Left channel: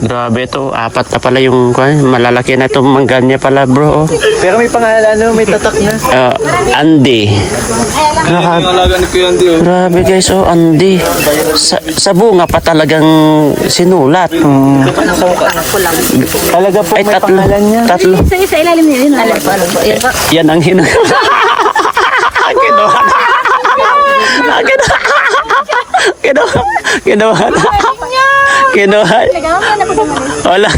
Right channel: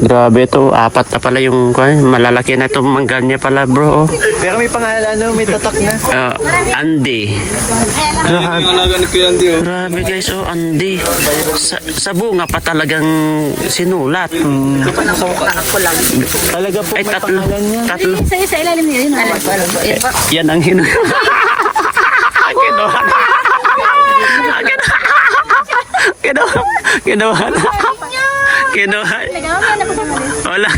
Grabe to, apat na pala yung malalaki na itong mangga niya pala bro. Pero may pangalan, may tatak niya. Andy. Grabe guys, Andy. Sa bunga pa talagang sinulat. Talaga po ay tatlo. Sa ilalim niya yun. Yan ang Kinuha na. Kinuha na. Kinuha. Wala.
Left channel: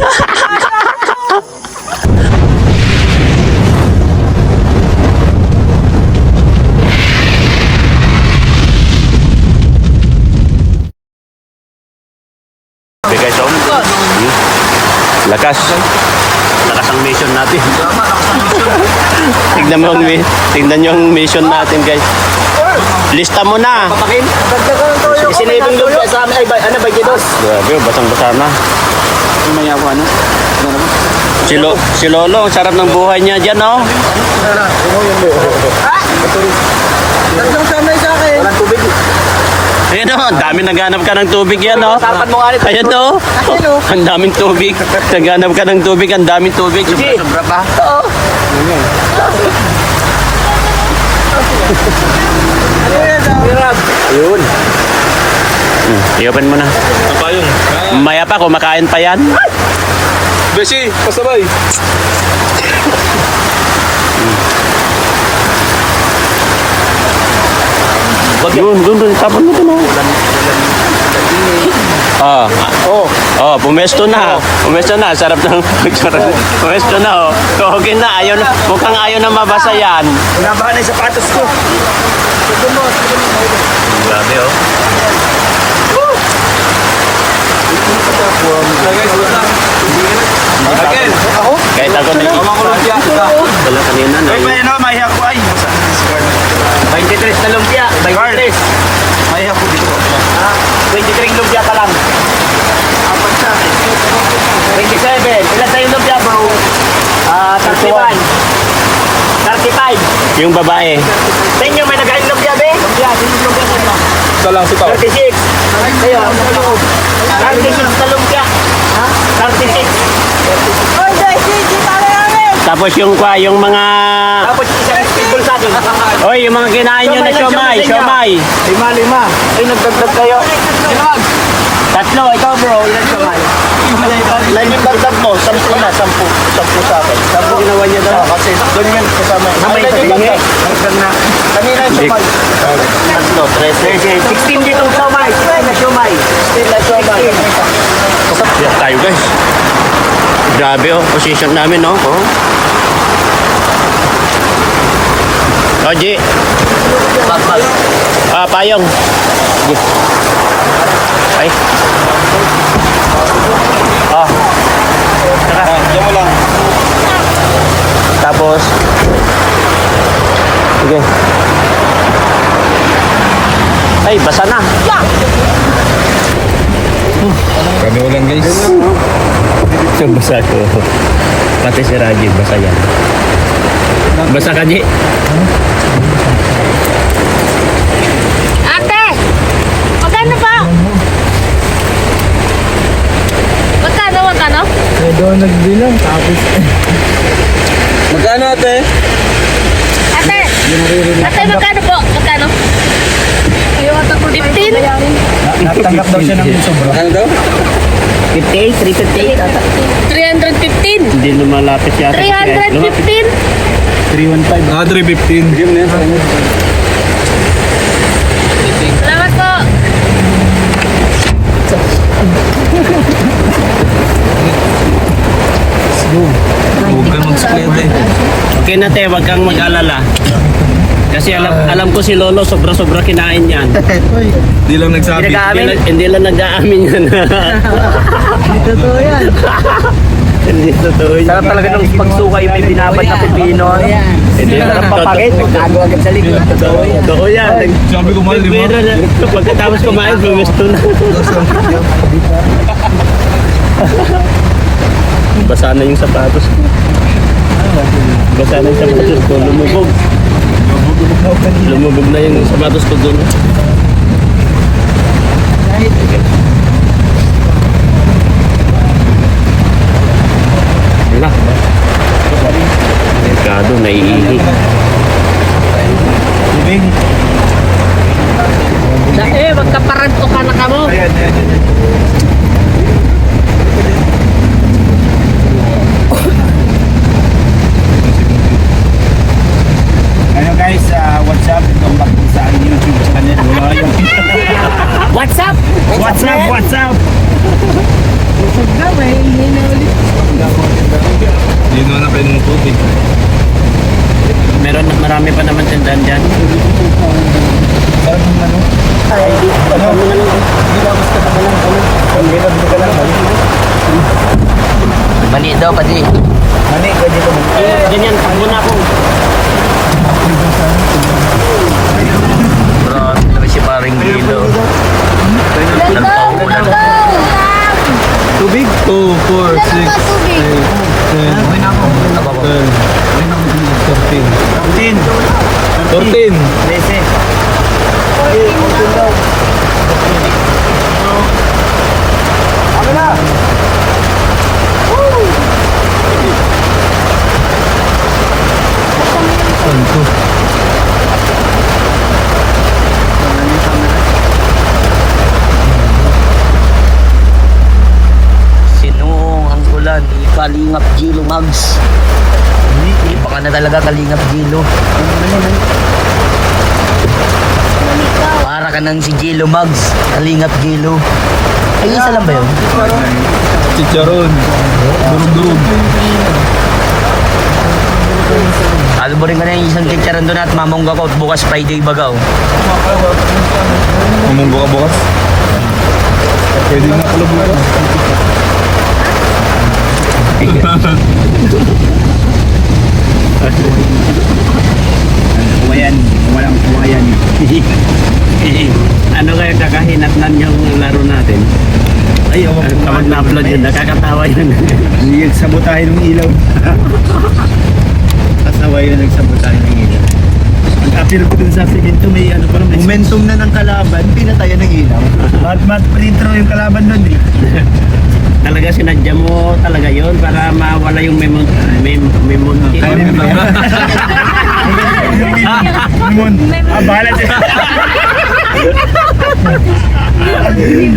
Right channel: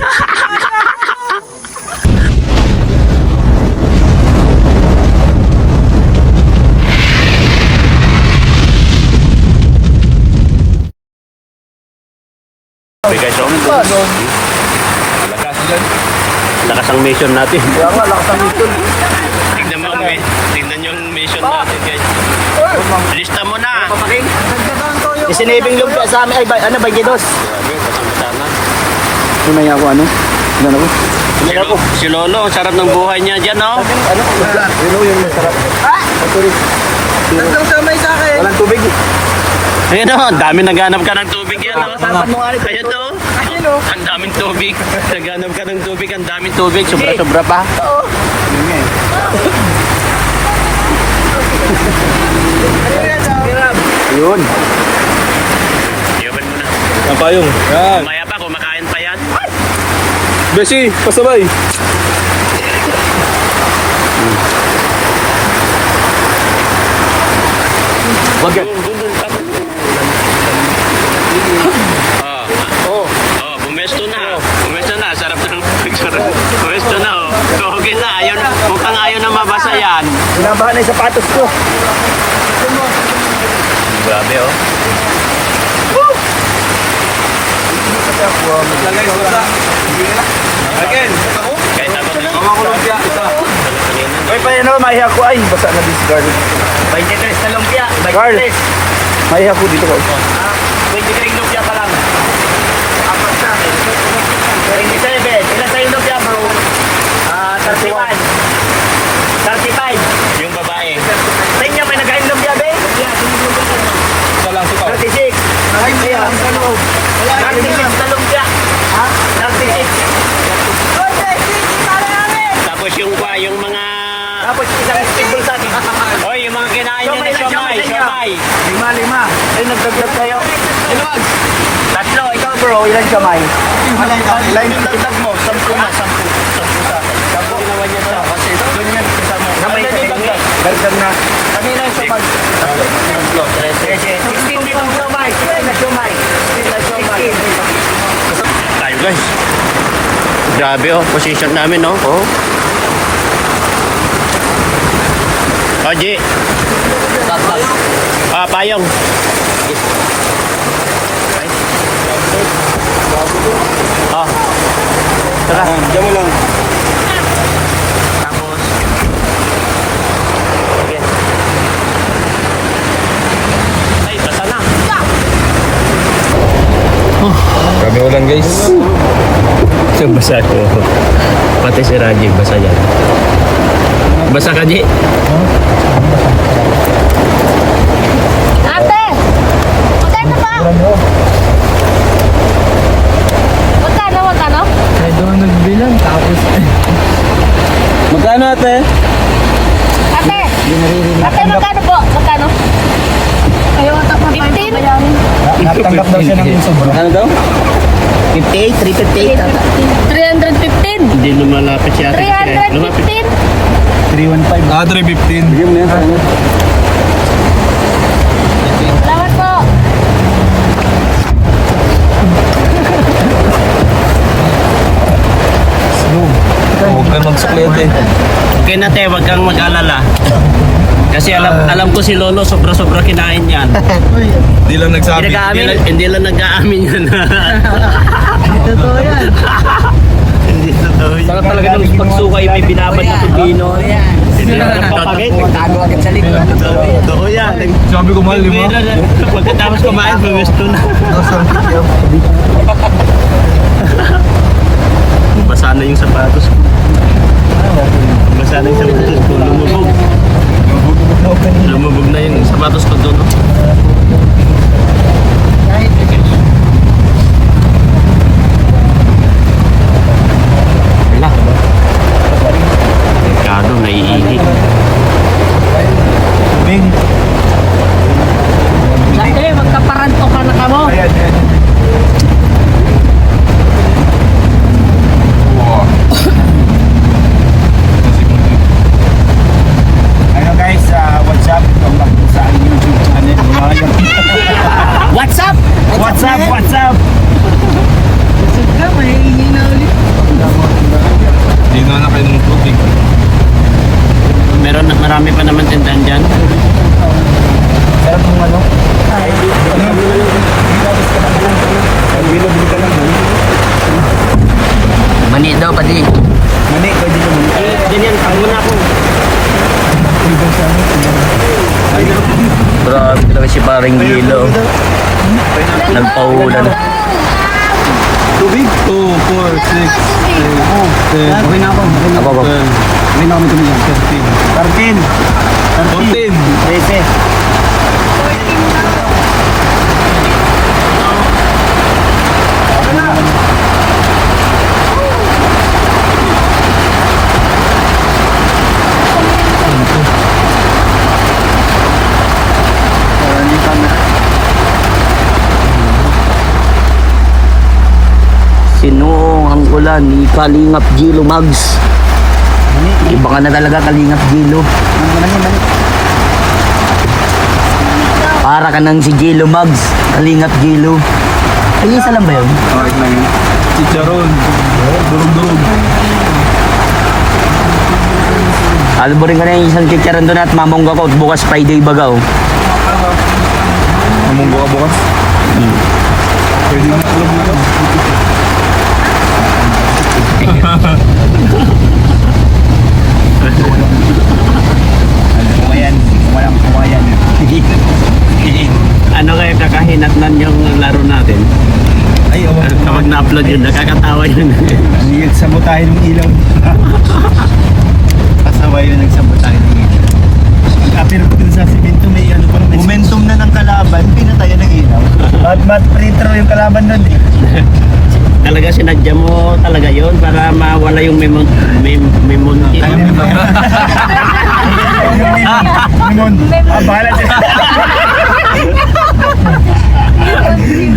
Guys, lakas ang mission natin. Tignan nyo ang mission natin guys. Lista mo na. Isinibing lupa sa amin, ano ba gidos? Grabe, basang-basa na. Ano nangyari, ano? Si Lolo, ang sarap ng buhay niya dyan, no? Anong kamay sa akin? Walang tubig. Ayan o, ang dami naghanap ka ng tubig yan, no? Ayan o, ang daming tubig. Naghanap ka ng tubig, ang daming tubig. Sobra-sobra pa. Yun. I-open mo na. Ang payong. Maya pa, kumakain pa yan. Besi, pasabay. Doon, tapon mo na. Pumesto na. Pumesto na. Sarap ng pumesto na, oh. Okay na. Mukhang ayaw na mabasa yan. Pinabahan na yung sapatos ko. Grabe, oh. Again. Ako? Kahit ako nito. Makulog siya. Ay, pa yun, mahiya ko. Ay, basa na discard. 23 na lumpia. 23. Mahiya ko dito. 23 lumpia pa lang. 27. Ilan tayo lumpia, bro? 31. 35. Yung babae. Sa inyo, may nag-ain lumpia, be? Isa lang si Pao. 36. Ay, kaya. 36 na lumpia. Ha? 36. Tapos yung mga... Tapos isang table sa akin. Oy, yung mga kinain nyo na siomay. 5. Ay, nagdagdag kayo. Tatlo, ikaw bro, ilan siomay? Ilan yung dagdag mo? 10 na, 10 sa akin. Tapos ginawa niya na. Kasi doon yung kasama. Dagdag na. Kanina yung siomay. 16 dito siomay. 12 siomay. 16. Tayo guys. Grabe, oh. Position namin, oh. Ji. Payong. Ay. Tara. Diyan mo lang. Tapos. Sige. Ay, basa na. Kami ulan guys. So, basa ko. Pati si Raji, basa yan. Basa ka, Ji. Ate! Magkano pa? Magkano? Kaya doon nagbilang tapos magkano ate? Ate! Ate, magkano po? Magkano? 15? Natanggap daw siya ng sobra. Ano daw? 58, 358 tata. 315? Hindi lumalapit siya. 315? 315. 315. Yun na yun. Salamat po. Huwag na magsuklete. Okay na, te. Huwag kang mag-alala. Kasi alam ko si Lolo, sobra-sobra kinain yan. Hindi lang nagsabi. Hindi lang nag-aamin yan. Hindi totoo yan. Hindi totoo yan. Sarap talaga ng pagsukay may binabad na pipino. Hindi Sarap totoo. papakit. Tago agad sa likod. Totoo yan. Sabi ko mahal, Pero pagkatapos kumain, bumisto na. Basa na yung sapatos ko. Basa na yung sapatos ko. Lumubog. Lumubog na yung sapatos ko doon. tubig? 2, 4, 6, 8, 10. Okay na ako. Ako. 10. Hindi na ako matulog. 13. 14. Sinuong ang ulan ni Kalingap Gilo Mags. Iba ka na talaga Kalingap Gilo. Para ka nang si Gilo Mags. Kalingap Gilo. Ay, isa lang ba yun? Chicharon. Durog-durog. Alborin ka na yung isang chicharon doon at mamongga ko at bukas Friday bagaw. Mamunggo ka bukas? Pwede na alam mo ito. Ano kaya kakahinatnan yung laro natin? Kapag na-upload yun, nakakatawa yun. Nagsabot tayo ng ilaw. Kasaway na nagsabot tayo ng ilaw. Pero kung sa Philippines, may ano pa naman. Momentum na ng kalaban, hindi na tayo ng ilaw. Ba't panintro yung kalaban nun eh? Talaga sinadya mo talaga yon para mawala yung memon. Kaya mo ba? Memon. Bahala dyan.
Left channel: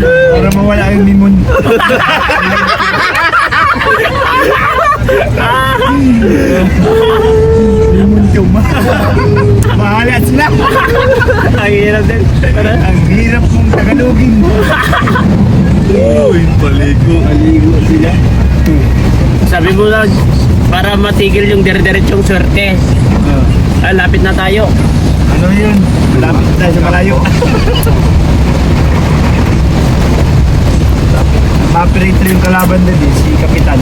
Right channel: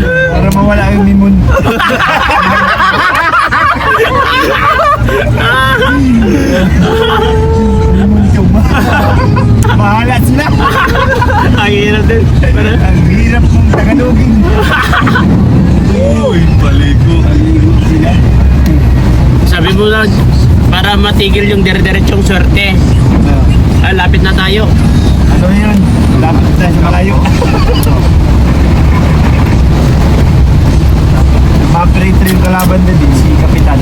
Para mawala yung memon. Memon chuma. Bahala sila. Ang hirap din. Ang hirap mong tagalogin. Uy, paligo. Paligo sila. Sabi mo na, para matigil yung dire-diretsong sorte. Lapit na tayo. Ano yun? Lapit tayo sa malayo. Operator yung kalaban doon eh, si Kapitan.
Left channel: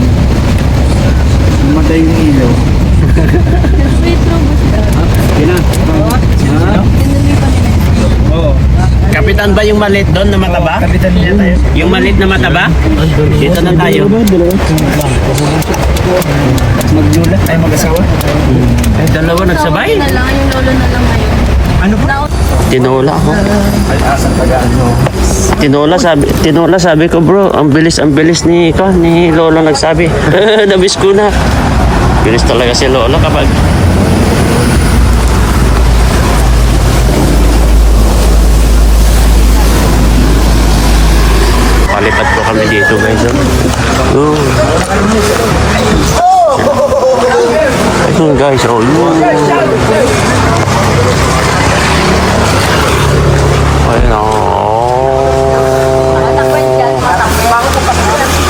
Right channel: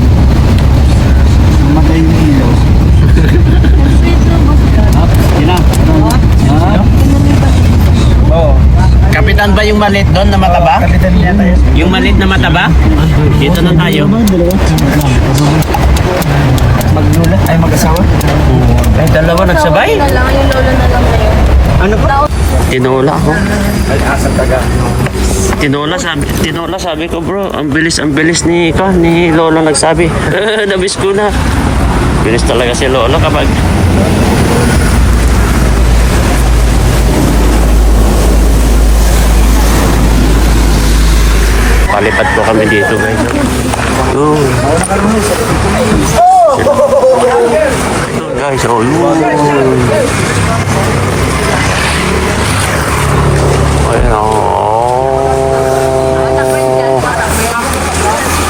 Namatay niya yun. Yan na. Oo. Kapitan ba yung malit doon na mataba? Yung malit na mataba? Dito na tayo. Maglulat tayo mag-asawa. Eh, dalawa nagsabay? Ano ba? Tinola ako. Tinola sabi ko bro, ang bilis ni Lolo nagsabi. Nabis ko na. Bilis talaga si Lolo kapag palipad po kami dito guys. Oh. Ito guys, oh. Ayun oh.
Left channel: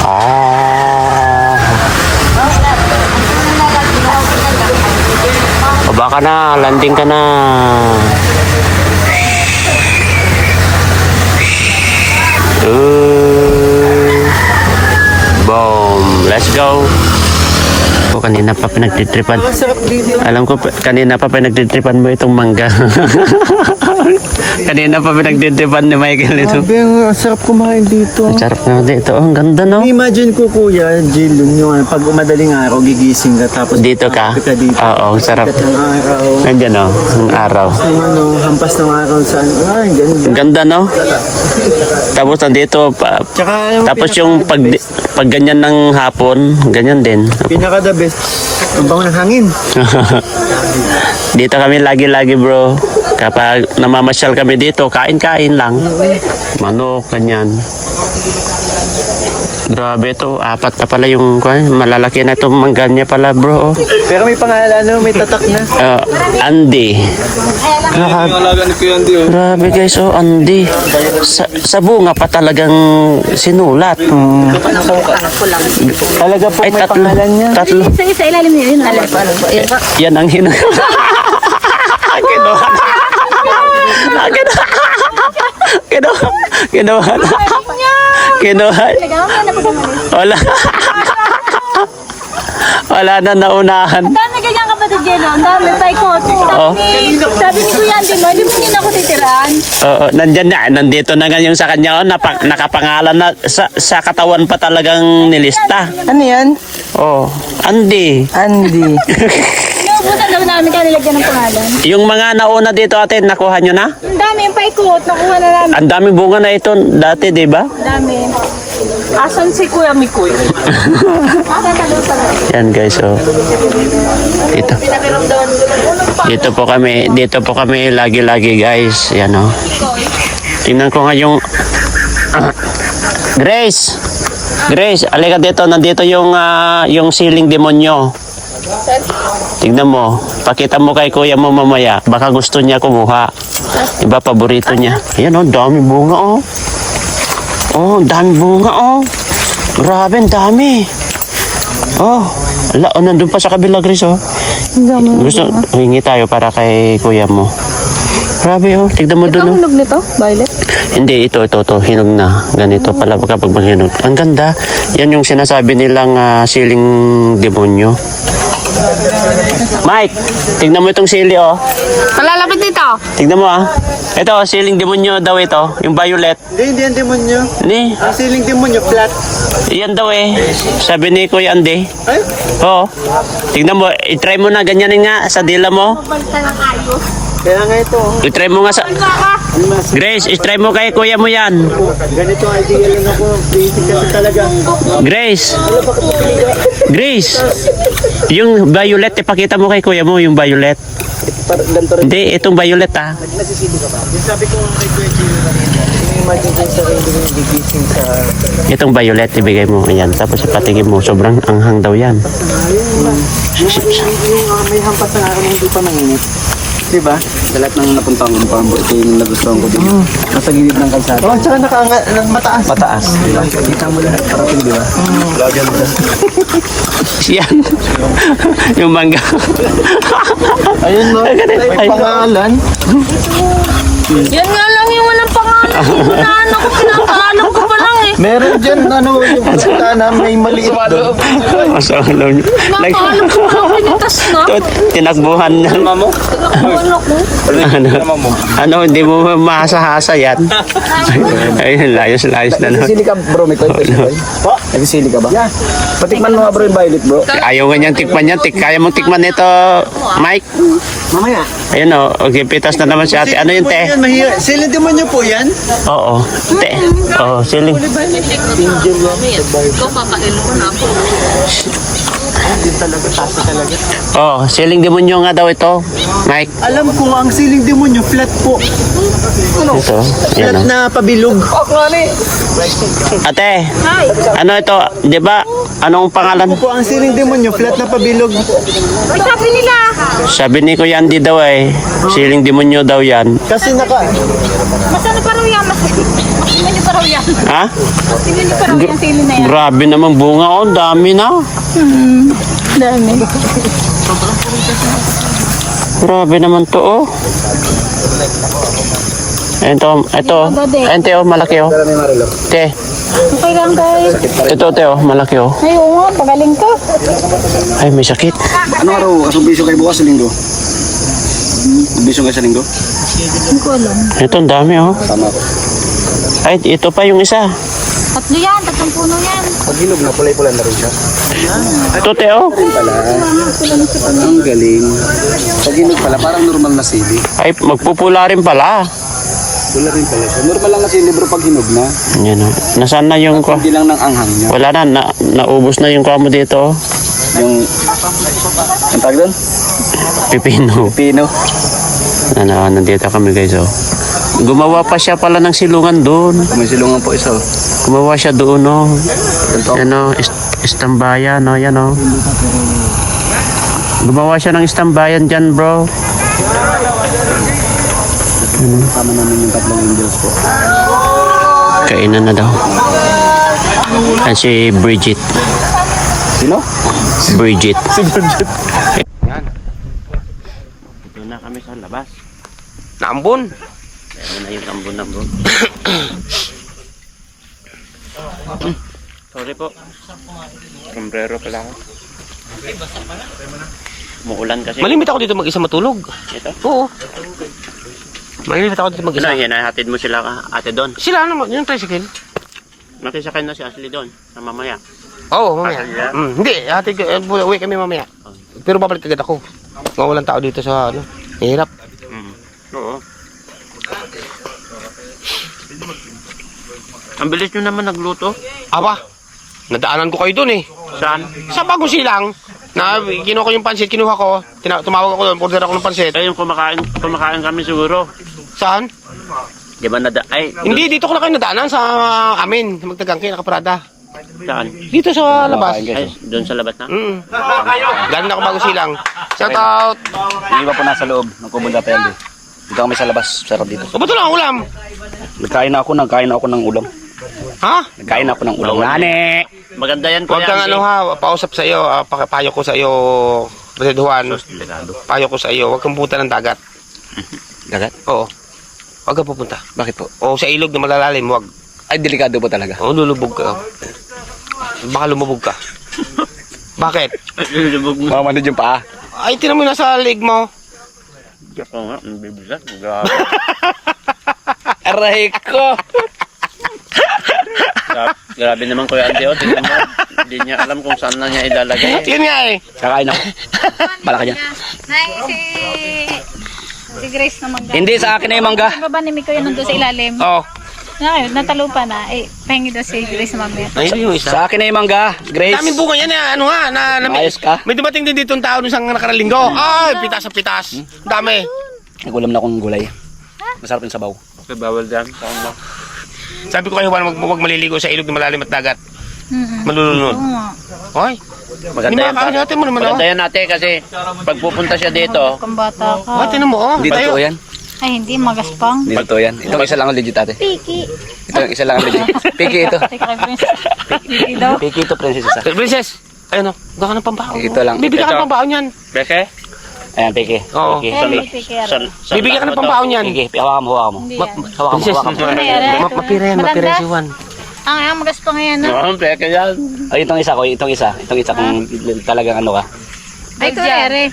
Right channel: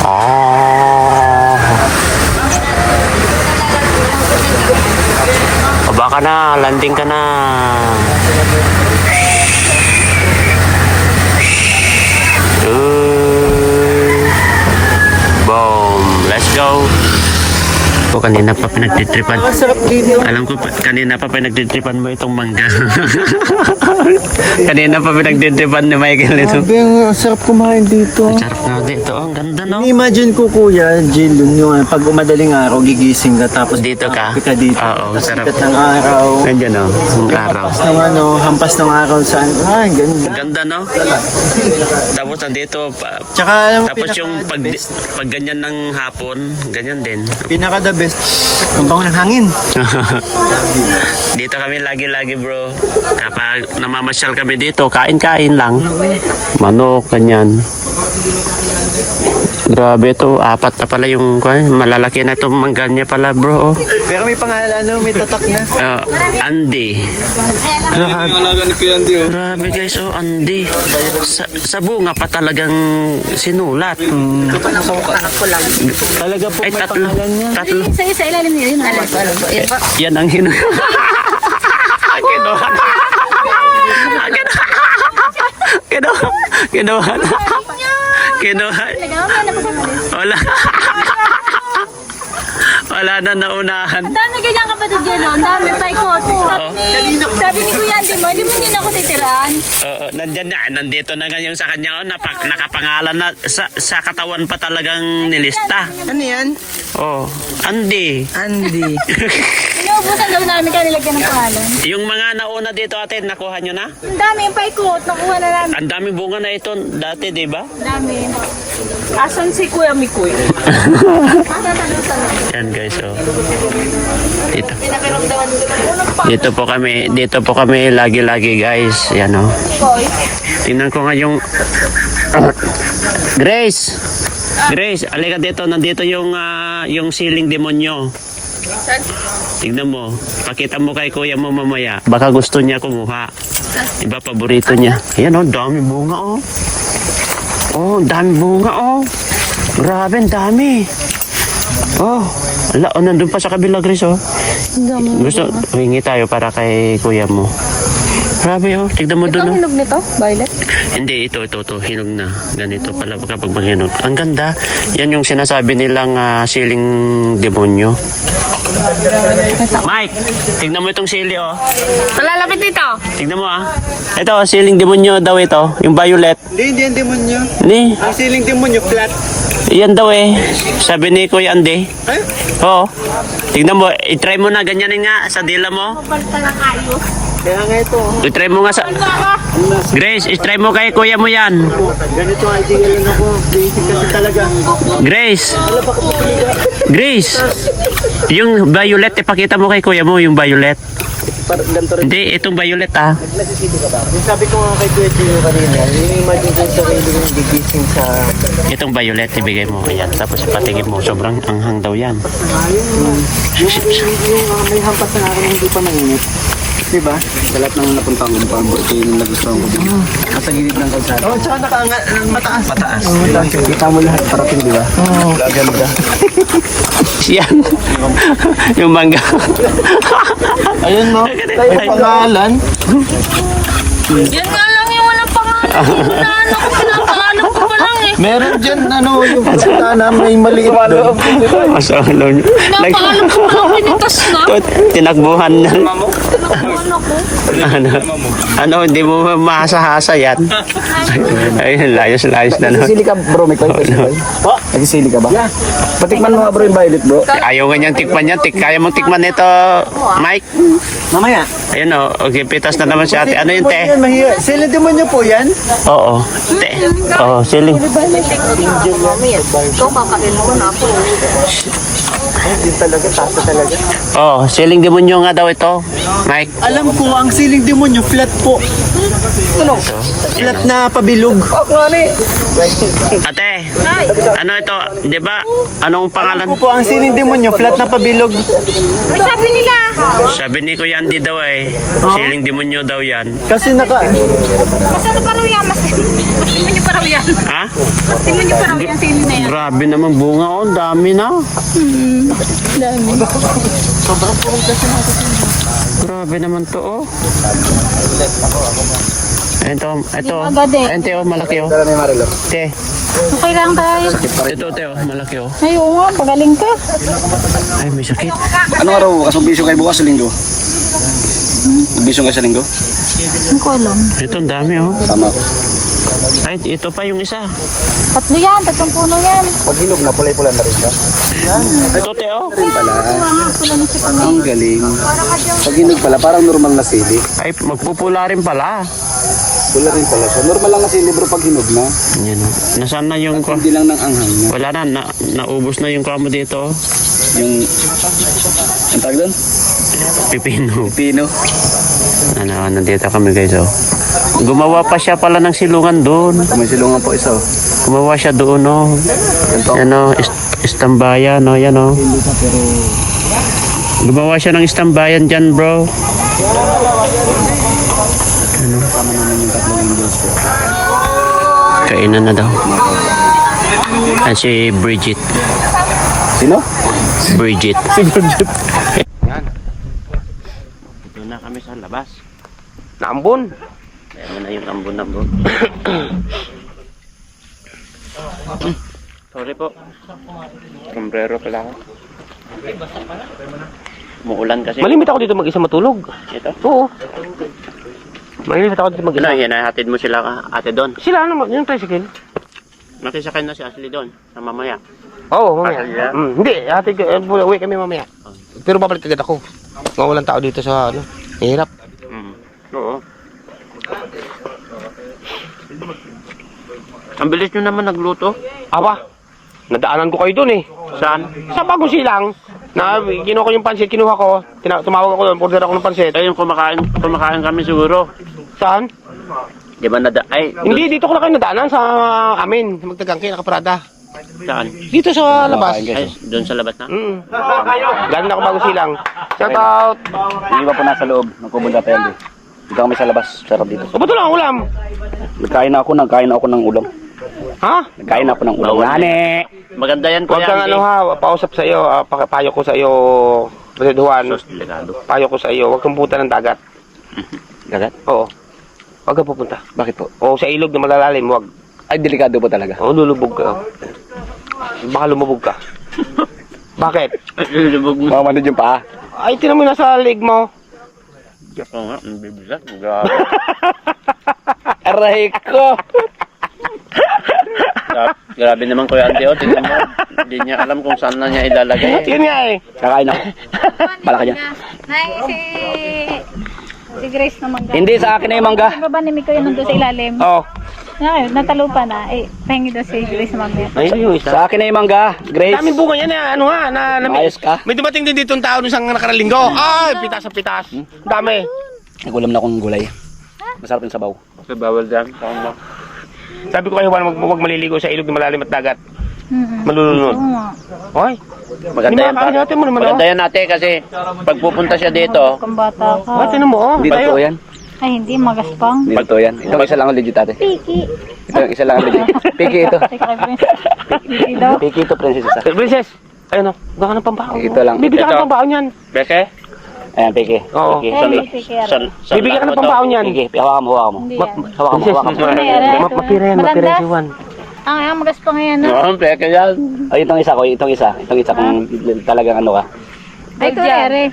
Oh. Baba ka na, landing ka na. Boom, let's go. Kanina pa pinagtitripan. Alam ko kanina pa pinagtitripan mo itong mangga. Kanina pa pinagtitripan ni Michael ito. Sabi, ang sarap kumain dito. Ang sarap na dito. Ang ganda no. Imagine ko kuya, Jill, yung pag madaling araw, gigising ka tapos Dito ka? dito. Oo, ang sarap. Sikat ng araw. Nandiyan no, ang araw. Hampas ng araw sa ang ganda. Ang ganda no. Tapos nandito pa, Tsaka alam mo, tapos yung pag ganyan ng hapon, ganyan din. pinaka the best, ang bango ng hangin. Dito kami lagi-lagi bro. Kapag namamasyal kami dito, kain-kain lang. Manok, ganyan. Grabe ito, 4 na pala yung malalaki na itong mangga niya pala bro. Pero may pangalan, may tatak na. Andy. Grabe guys, oh Andy. Sa bunga pa talagang sinulat. Talaga po Ay, may tatlo. pangalan niya. Tatlo. Sa ilalim niya yun. Yan ang Kinuha na. Kinuha na. Kinuha. Wala. Wala na naunahan. Dami ganyan ka ba kapatid yan, ang dami pa ikot. Oh. Sabi ni Kuya, di mo ako titiraan. Oo, nandyan na. Nandito na ngayon sa kanya. Oh, nakapangalan na. Sa katawan pa talagang nilista. Ano yan? Oh, Andy. Andy. Naubusan lang namin kaya nilagyan ng pangalan. Yung mga nauna dito ate, nakuha nyo na? Ang dami yung paikot, nakuha na namin. Ang dami bunga na ito dati, di ba? Ang dami. Asan si Kuya Mikoy? Yan guys, oh. Dito. Dito po kami lagi-lagi guys. Yan oh. Tingnan ko nga yung Grace. Grace, alika dito. Nandito yung siling demonyo. Tingnan mo. Pakita mo kay kuya mo mamaya. Baka gusto niya kumuha. Iba paborito niya. Ayan oh, dami bunga oh. Oh, dami bunga oh. Grabe, ang dami. Oh, ala, oh, nandun pa sa kabila, Grace, oh. Gusto, hingi tayo para kay kuya mo. Grabe, oh. Tignan mo dun, oh. Hinog nito, Violet? Hindi, ito, hinog na. Ganito pala kapag maghinog. Ang ganda. Yan yung sinasabi nilang siling demonyo. Mike, tignan mo itong sili, oh. Malalapit dito. Tignan mo, ah. Ito, siling demonyo daw ito. Yung violet. Hindi yan demonyo. Ni, Ang siling demonyo, flat. yan daw eh. Sabi ni Kuya Andy. Ay? Oo. Tignan mo, i-try mo na ganyanin nga sa dila mo. Balta ng ayos. Kaya nga ito. I-try mo nga sa... Grace, i-try mo kay kuya mo yan. Ganito ang idea lang ako. Basic kasi talaga. Grace. Grace. Yung violet, ipakita mo kay kuya mo yung violet. Ganito rin. Hindi, itong violet ah. Sabi ko nga kay Kuya, imagine ko sa sarili ng gigising sa... Itong violet, ibigay mo. Ayan. Tapos ipatigin mo. Sobrang anghang daw yan. Yung may hampas na akin hindi pa nanginit. Diba? Sa lahat ng napunta ko pa, ito yung nagustuhan ko. Nasa gilid ng kalsada. Oh, tsaka nang mataas. Mataas. Diba? Kita mo lahat parating, diba? Yan. Yung mangga. Ayun mo. May pangalan. Yan nga lang yung unang pangalan. Ano ko pa lang eh. Meron dyan, ano, yung pangalan na may maliit doon. Masalo nyo. Napaalam ko lang pinitas na. Tinakbuhan na. Ano, hindi mo mahasa-hasa yan. Ayun, layos-layos na no. Nagsisili ka, bro, may toy. Po? Nagsisili ka ba? Yeah. Patikman mo nga, bro, yung violet, bro. Ayaw nga niyang tikman yan. Kaya mong tikman nito, Mike. Mamaya. Ayun o, okay, pitas na naman si ate. Ano yung te? Siling demonyo po yan? Oo, te. Oo, siling. Oo, siling demonyo nga daw ito, Mike. Alam ko ang siling demonyo, flat po. Ano? Ito, yan Flat o. na pabilog. Ate, ano ito, di ba? Anong pangalan? Ano po ang siling demonyo, flat na pabilog. Sabi nila. Sabi ni Kuya Andy daw eh, siling demonyo daw yan. Kasi naka... Mas ano pa raw yan? Mas tingnan nyo pa raw yan. Ha? Mas tingnan nyo pa raw yung sili na yan. Grabe naman bunga oh, ang dami na. Grabe naman to oh. Ito, oh, malaki oh. Te, Okay lang guys. ito te oh, malaki oh. Ay, oo nga, pagaling ka. Ay, may sakit. Ano araw? Asong bisyo kayo bukas sa linggo? Bisyo kayo sa linggo? Hindi ko alam. Ito, ang dami oh. Tama ko. Ay, ito pa yung isa. Tatlo yan, tatlong puno yan. Pag hinog na, pulay-pula na rin siya. Ito te oh. Ang galing. Pag hinog pala, parang normal na sili. Ay, magpupula rin pala. Pula rin pala siya. Normal lang na sili bro pag hinog na. Yan oh. Nasaan na yung kwa? Hindi lang ng anghang niya. Wala na, naubos na yung kwa mo dito oh. Yung... Ang tawag doon? Pipino. Pino. Nandito kami guys oh. Gumawa pa siya pala ng silungan doon. Kung may silungan po isa. Gumawa siya doon oh. Ganito. Yan oh, istambayan oh, yan oh. Gumawa siya ng istambayan dyan bro. Kami namin yung tatlong angels po. Kainan na daw. Ay, si Bridget. Sino? Bridget. Si Bridget. Yan. Ito na kami sa labas. Naambon. Ayan na yung ambon na bro. Sorry po. Sombrero pala ako. Muulan kasi. Malimit ako dito mag-isa matulog. Ito. Oo. Malimit ako dito mag-isa. Ano, hinahatid mo sila ate doon. Sila ano, yung tricycle. Nakisakay na si Ashley doon. Na mamaya. Oo, mamaya. Pasal yan? Hindi, hatid ko, uwi kami mamaya. Pero babalik agad ako. Walang tao dito sa ano. Hirap. Oo. Ang bilis nyo naman nagluto. Aba, nadaanan ko kayo doon eh. Saan? Sa Bagong Silang, na kinuha ko yung pansit, kinuha ko. Tumawag ako doon, order ako ng pansit. Eh, yung kumakain kami siguro. Saan? Di ba Hindi, dito ko na kayo nadaanan sa amin. Magtagangke, nakaparada. Saan? Dito sa labas. Ay, doon sa labas na? Galing ako Bagong Silang. Shout out! Yung iba po nasa loob ng Kubon Dapel. Dito kami sa labas. Sarap dito. O, ba't wala ang ulam? Nagkain ako ng ulam. Ha? Nagkain ako ng ulam. Nani! Maganda yan, Huwag Kuya kang Andy. ano ha, pausap sa iyo, payo ko sa iyo, President Juan. Sos, delikado. Payo ko sa iyo, huwag kang pupunta ng dagat. Dagat? Oo. Huwag kang pupunta. Bakit po? O sa ilog na malalalim, huwag. Ay, delikado po talaga. O, lulubog ka. Baka lumubog ka. Bakit? Lubog mo. Mamanid yung paa. Ay, tinan mo nasa leg mo. Oo nga, ang bibigat. Grabe. Aray ko! Grabe naman Kuya Andy. Oh. Tingnan mo. Hindi niya alam kung saan na niya ilalagay. Yun nga eh. Kakain ako. Bala ka dyan. Nay, si Grace naman. Hindi, sa akin na yung mangga. Sa baba ni Miko yun nandun sa ilalim. Oo. Ngayon, natalo pa na. Eh, pahingi daw si Grace mamaya. Ay, yung isa. Sa akin na yung mangga. Grace. Daming bunga yan eh. Ano nga, Ayos ka? may dumating din dito ang tao nung isang nakaraang linggo. Ay, pitas sa pitas. Dami. Nagulam na akong gulay. Masarap yung sabaw. Bawal dyan. Saan ba? Sabi ko kayo, huwag maliligo sa ilog na malalim at dagat. Oo Malulunod. nga. Ay, Maganda yan. Hindi natin mo naman, Maganda yan natin kasi pag pupunta siya dito, Kung bata ka. tinan mo, oh. Hindi totoo yan. Ay, hindi. Magaspang. Hindi totoo yan. Itong isa lang ang legit ate. Piki. Ito yung isa lang ang legit. Piki ito. Teka kay Prince. Piki daw. Piki ito, princess isa. Princess, ayun o, huwag ka ng pambaon. Ito lang. Bibigyan ka Ito. ng pambaon yan. Beke? Ayan, piki. Oo. Piki. Eh, may piki yan. Bibigyan ka ng pambaon yan. Piki. Hawakan mo, hawakan mo. Hindi yan. Hawakan mo, hawakan mo. Mapira yan, mapira yan si Juan. Ang magaspang yan. No? Oo, beke yan. Ay, itong isa ko, itong isa kung talagang ano ka. Ay, tunere.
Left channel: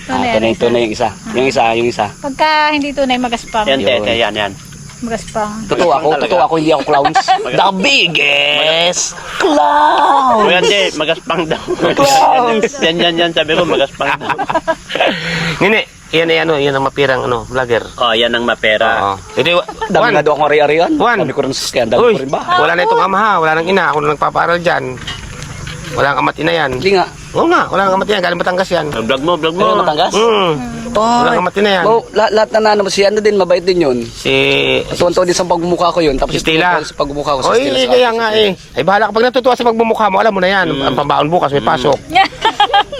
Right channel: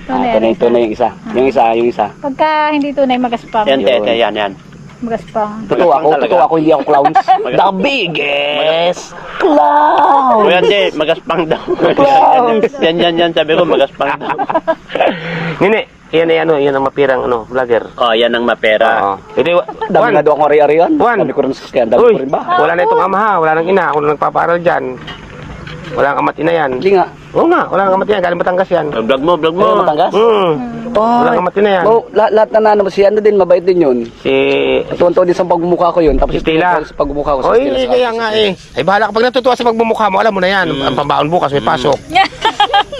Tunay yung isa. Yung isa. Pagka hindi tunay, magaspang. Yan, tete, yan. Magaspang. Totoo ako, hindi ako clowns. The biggest clown! Kuya Andy, magaspang daw. Yan, sabi ko, magaspang daw. Nini, yan ang mapirang vlogger. Oh, yan ang mapera. Oo. Hindi, Dami Juan, nga daw akong ari-arian. Juan. Dami ko rin sasakyan. Dami Uy, ko rin ba? wala na itong ama ha, wala nang ina, ako na nagpapaaral dyan. Wala kang amati na yan. Hindi nga. Oo nga, wala kang amati na yan, galing Batangas yan. Vlog mo. Ayun, Matangas? Wala kang amati na yan. Oh, lahat na ano, si ano din, mabait din yun. Si Tuwan-tuwa din sa pagmumukha ko yun. Tapos Stella. sa pagmumukha ko sa Oy, Stella. kaya nga eh. Ay bahala kapag natutuwa sa pagmumukha mo, alam mo na yan. Ang pambaon bukas, may pasok.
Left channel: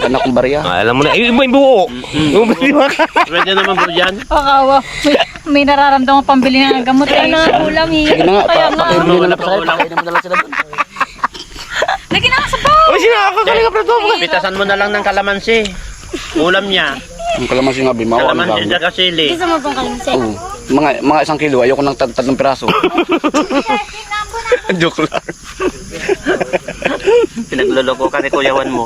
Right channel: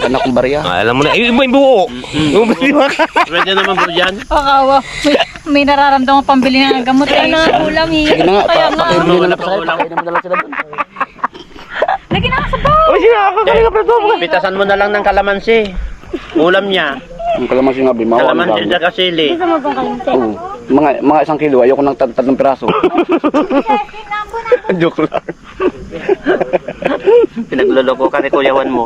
Anak kong barya. Alam mo na, iba yung buo. Yung buo. Pwede naman bro dyan. Pakawa. May nararamdaman pambili ng gamot. Ay, ulam Sige na nga, Kaya nga. pakibili na lang pa sa'yo. Ulam. Pakainin mo na lang sila doon. Lagi na sa baw. Oy, sinakakaling ka pa ito. Pitasan mo na lang ng kalamansi. Ulam niya. Ang kalamansi nga, Bimaw. Kalamansi sa kasili. Gusto mo bang kalimse? Oo. Mga 1 kilo, ayoko ng tatlong piraso. Joke lang. Pinagloloko ka ni Kuya Juan mo.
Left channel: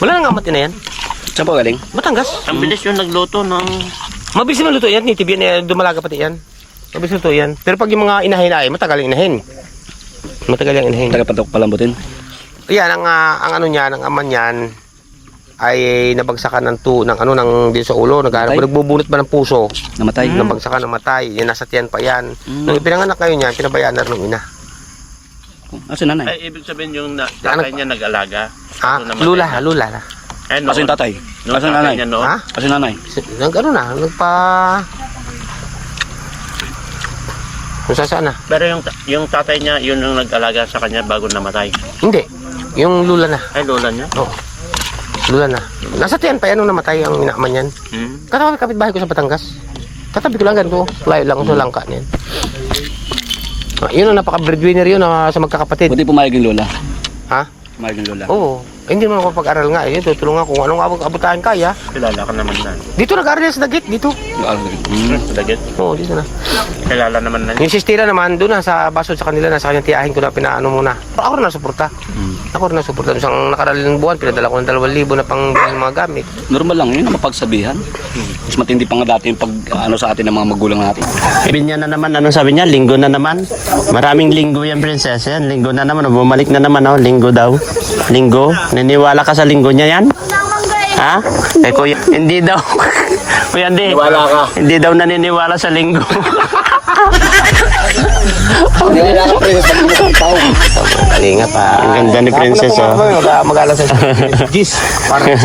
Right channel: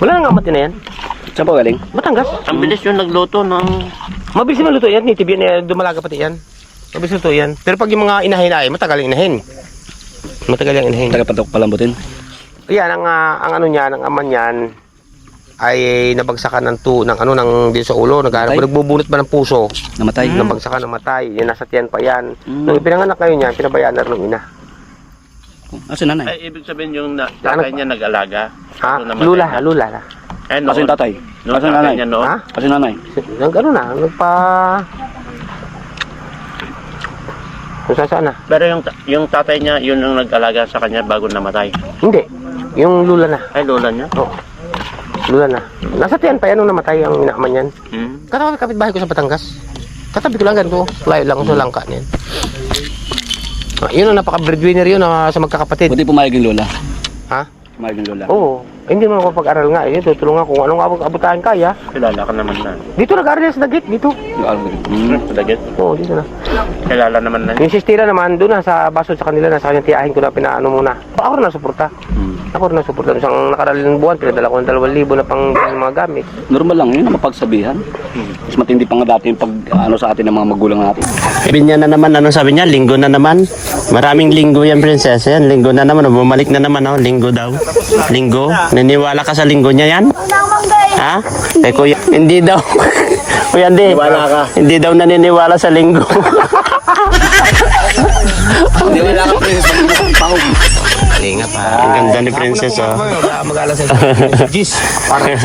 Wala nang amati na yan. Saan po galing? Batangas. Ang bilis yung nagluto ng... Mabilis na luto yan. Nitib yan. Dumalaga pati yan. Mabilis luto yan. Pero pag yung mga inahin ay, matagal yung inahin. Matagal yung inahin. Tagapatok palambutin. Yan, ang ano niyan, ang aman niyan ay nabagsakan ng din sa ulo. Nagbubunot ba ng puso? Namatay. Nabagsakan, namatay. Yan, nasa tiyan pa yan. Nung ipinanganak kayo niyan, pinabayaan na rin ng ina. Aso nanay? Ay, ibig sabihin yung tatay niya nag-alaga. Ha? So, namatay Lula na. Ay, noon. Aso yung tatay? Noon Aso yung tatay nanay? niya noon. Ha? Aso yung nanay? Ano na, kung saan na? Pero yung tatay niya, yun ang nag-alaga sa kanya bago namatay. Hindi. Yung lula na. Ay, lola niya. Oo. Lula na. Nasa tiyan pa yan nung namatay ang inaaman yan. Katabi kapitbahay ko sa Batangas. Katabi ko lang ganito. Layo lang sa langka niyan. Yun ang napaka-breadwinner yun sa magkakapatid. Buti pumayag yung lola. Ha? Pumayag yung lola. Oo. Hindi mo ako pag-aral nga. Eh. Tutulungan kung anong abutahan kaya. Kilala ka naman na. Dito nag-aral yan sa Dagit. Dito. Dagit. Oo, dito na. Kilala naman na. Yung sistira naman, doon na sa basod sa kanila. Nasa kanyang tiyahin ko na pinaano muna. Ako na nasuporta. Ako rin nasuportan. Isang nakaraling buwan, pinadala ko ng 2,000 na pang mga gamit. Normal lang yun, mapagsabihan. Mas matindi pa nga dati yung pag ano sa atin ng mga magulang natin. Sabi niya na naman, ano sabi niya? Linggo na naman. Maraming linggo yan, princess. Yan, linggo na naman. Bumalik na naman, oh. Linggo daw. Linggo. Niniwala ka sa linggo niya yan? Ha? Eh, kuya, hindi daw. Kuya, hindi. Hindi daw naniniwala sa linggo. Ingat ha. Ang ganda ni princess, oh. Mag-alas sa Gis. Parang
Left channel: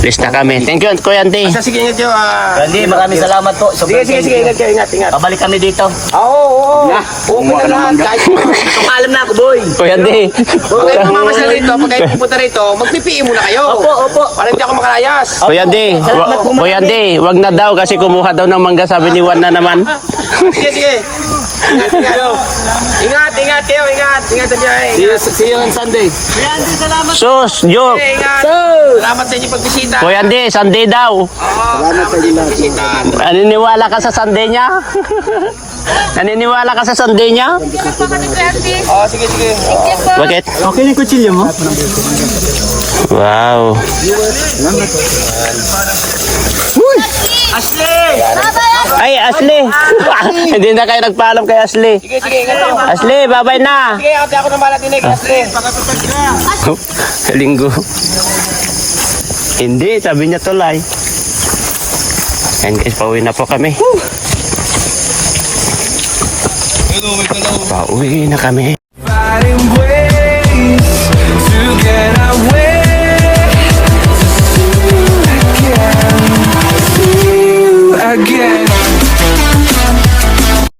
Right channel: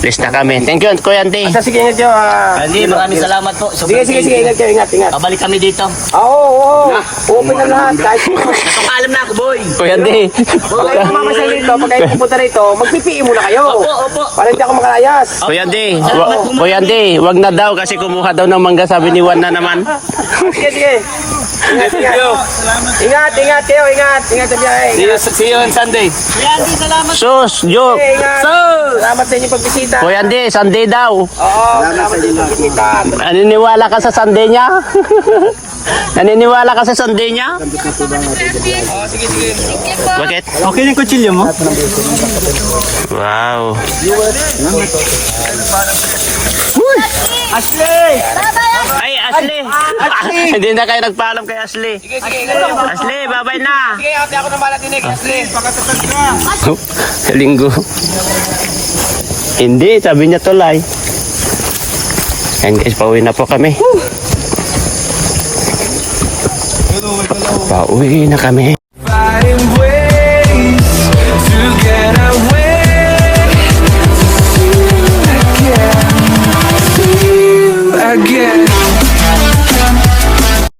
List na kami. Thank you, Kuya Ante. sige, ingat kayo. Randy, maraming salamat po. Sige, ingat kayo, ingat. Pabalik kami dito. Oo. Oo, ito ka alam na ako, boy. Kuya Ante. Mamamasal rito, pag kayo pupunta rito, magpipiin muna kayo. Opo. Para hindi ako makalayas. Kuya Ante. Kuya Ante, wag na daw kasi kumuha daw ng mangga, sabi ni Juan na naman. Sige. Ingat kayo. Ingat kayo, ingat. Ingat sa biyahe. See you on Sunday. Sus, joke. Salamat sa inyong pagbisita. Kuya Ante, Sunday daw. Salamat sa inyo. Naniniwala ka sa Sunday niya? Naniniwala ka sa Sunday niya? Sige. Bakit? Okay na yung kutsilyo mo? Wow. Ay, Ashley! Hindi na kayo nagpaalam kay Ashley. Sige, ingat kayo. Ashley, bye-bye na! Sige, ate ako ng balat din Ashley. Linggo. Hindi, sabi niya tulay. Ayan guys, pauwi na po kami. Pauwi na kami.